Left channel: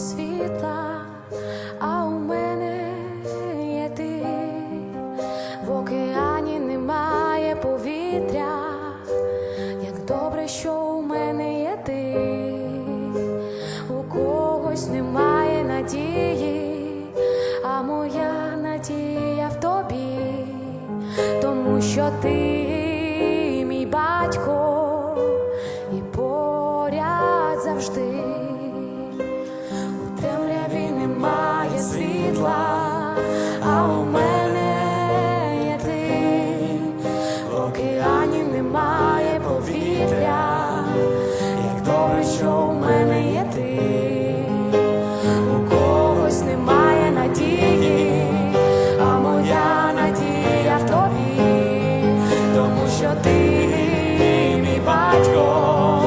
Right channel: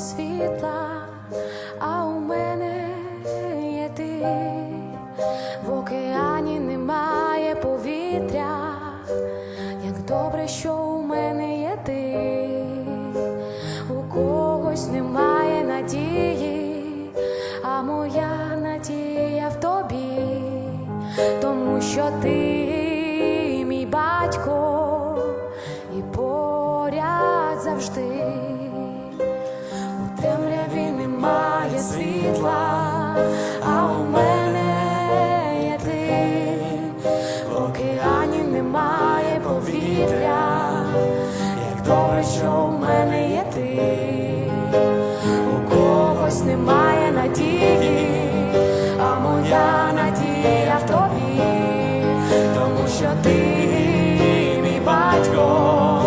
немає світла, а у мене є ти, в океані немає повітря, як добре, що у мене є ти, у когось немає надії, а моя надія в тобі, тому що ти, мій батько, і поряд завжди. У темряві немає світла, а у мене є ти, в океані немає повітря, як добре, що у мене є ти, у когось немає надії, а моя надія в тобі, тому що ти мій батько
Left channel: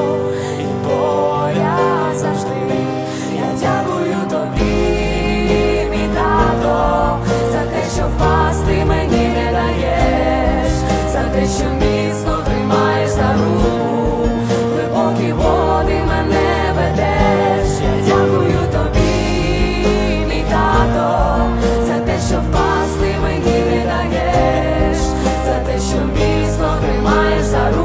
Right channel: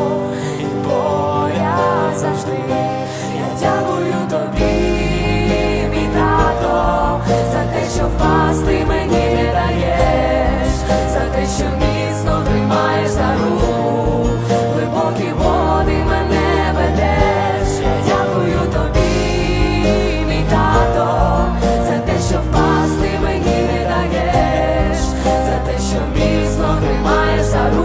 і поряд завжди. Дякую тобі, мій тато, за те, що впасти мені не даєш, за те, що міцно тримаєш за руку, глибокі води мене ведеш. Я дякую тобі, мій тато, за те, що впасти мені не даєш, за те, що міцно тримаєш за руку.